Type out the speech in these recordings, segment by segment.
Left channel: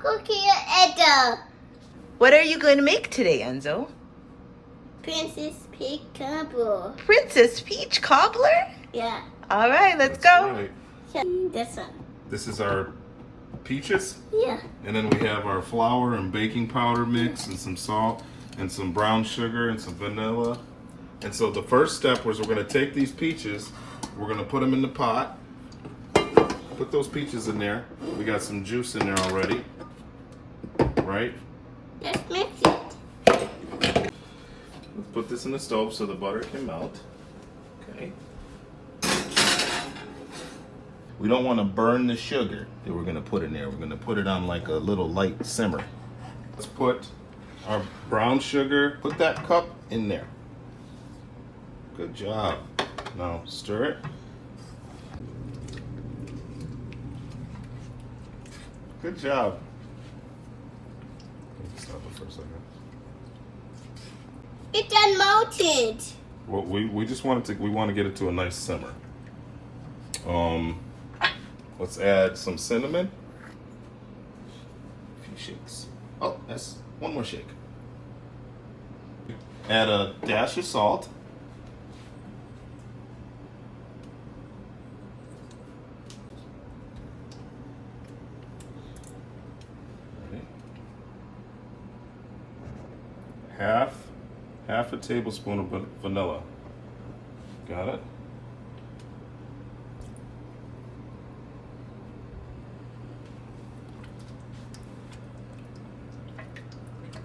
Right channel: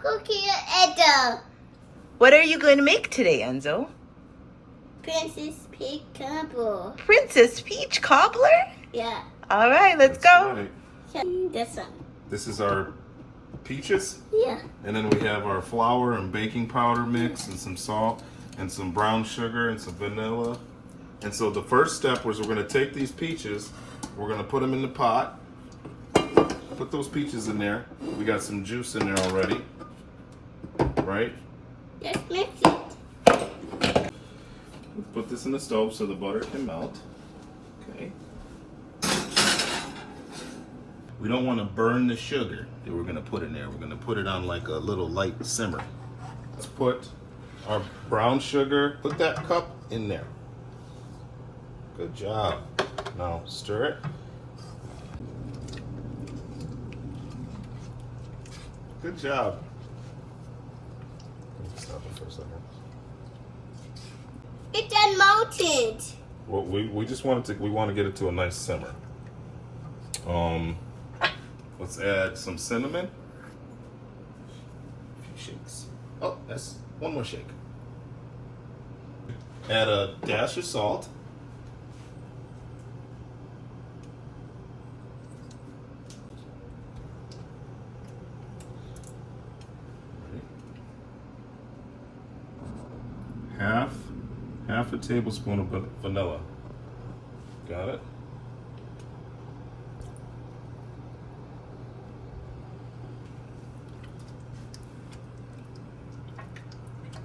Cookie Enzo. What are you going to make today, Enzo? Princess Peach Cobbler. Princess Peach Cobbler? Yeah. All right, let's go. Right. This one. This is our peaches, Yeah. and then we have our flour and baking powder mix and some salt and some brown sugar and some vanilla. And so the first step was we're going to take these peaches, we're going to put them in the pot. Put those peaches in there. We got some juice in there already, right? Let's mix it. Put this in the stove so the butter can melt. Okay. We don't want to burn the sugar that we're going to put in there. We're going to put it on like a little light simmer. Let's put our brown sugar, put that cup in there. Good job. Now stir it. Good job. Stop it for a second. It's unmalted. Well, we just want it to, we want to get it to a nice simmer. Let's add some cinnamon. A few shakes. Oh, that's one more shake. Add a dash of salt. Half a tablespoon of vanilla. Got it?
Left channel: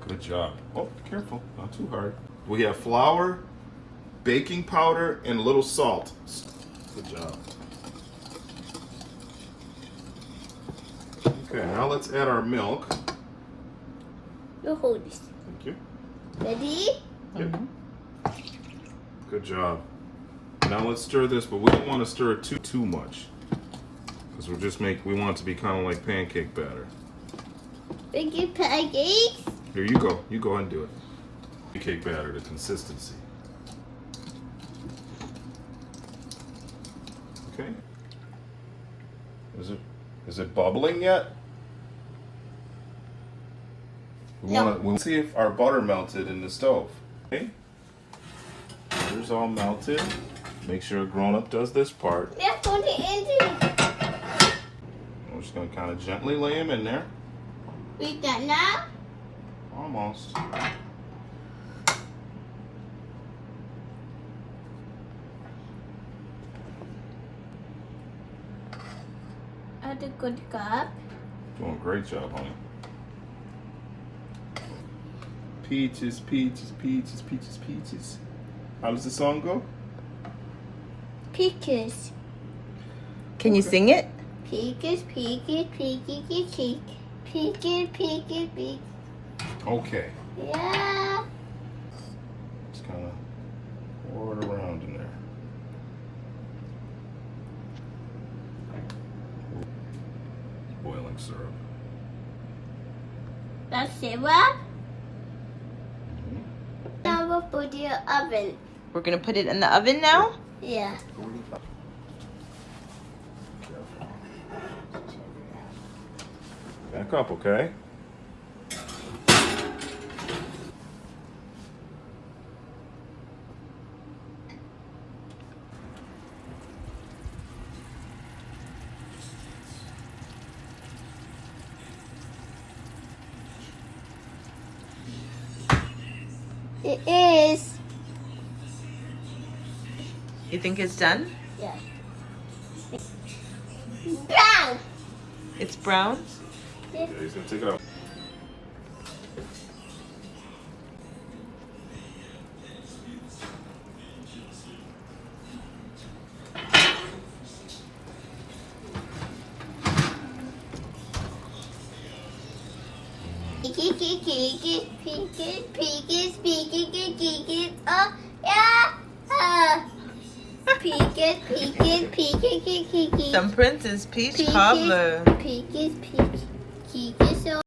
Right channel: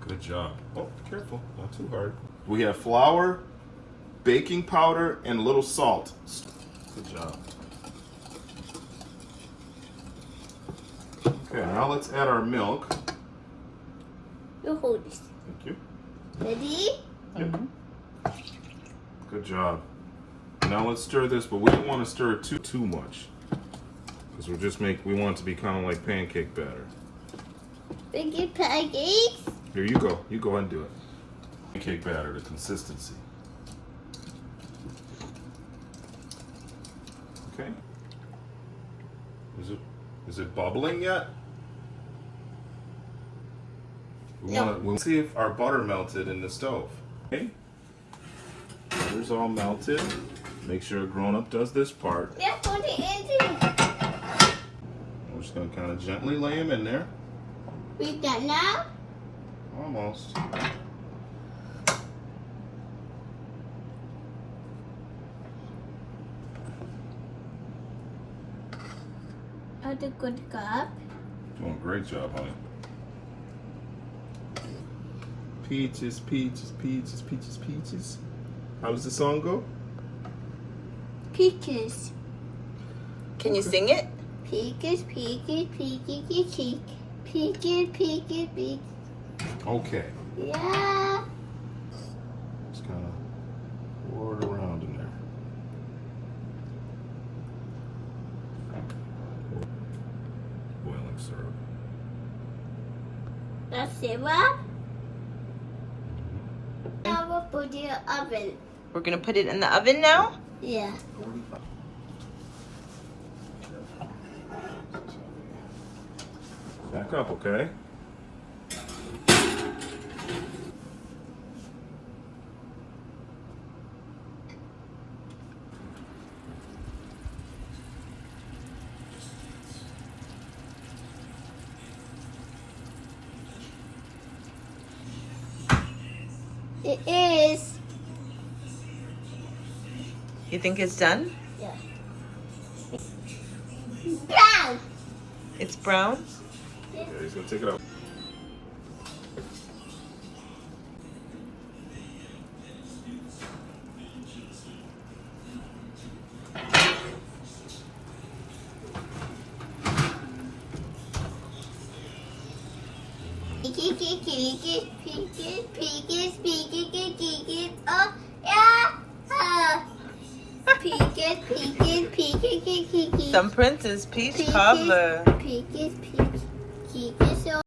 Good job. Oh, careful, not too hard. We have flour, baking powder, and a little salt. Good job. Okay, now let's add our milk. You hold this. Thank you. Ready? Mm-hmm. Good job. Now let's stir this, but we don't want to stir it too much, because we want it to be kind of like pancake batter. Big pancakes. Here you go. You go ahead and do it. Pancake batter, the consistency. Okay. Is it bubbling yet? We'll see if our butter melted in the stove. Okay. Butter's all melted. Make sure a grown-up does this part. Let's put it into. We're just gonna kind of gently lay them in there. We done now? Almost. Add a good cup. Doing a great job, honey. Peaches, peaches, peaches, peaches, peaches. How does the song go? Peaches. Can you sing it? Peaches, peaches, peaches, peaches. Peaches, peaches, peaches. Okay. Yeah. Just kind of pour it around in there. Boiling syrup. That's it, Now we'll put it in the oven. We're going to put it in the oven now? Yeah. Back up, okay? It is. You think it's done? Yeah. Brown. It's brown? Okay, he's gonna take it out. Peaches, peaches, peaches, peaches, peaches. Oh, yeah. Peaches, peaches, peaches, peaches. Some Princess Peach Peaches, Cobbler. peaches.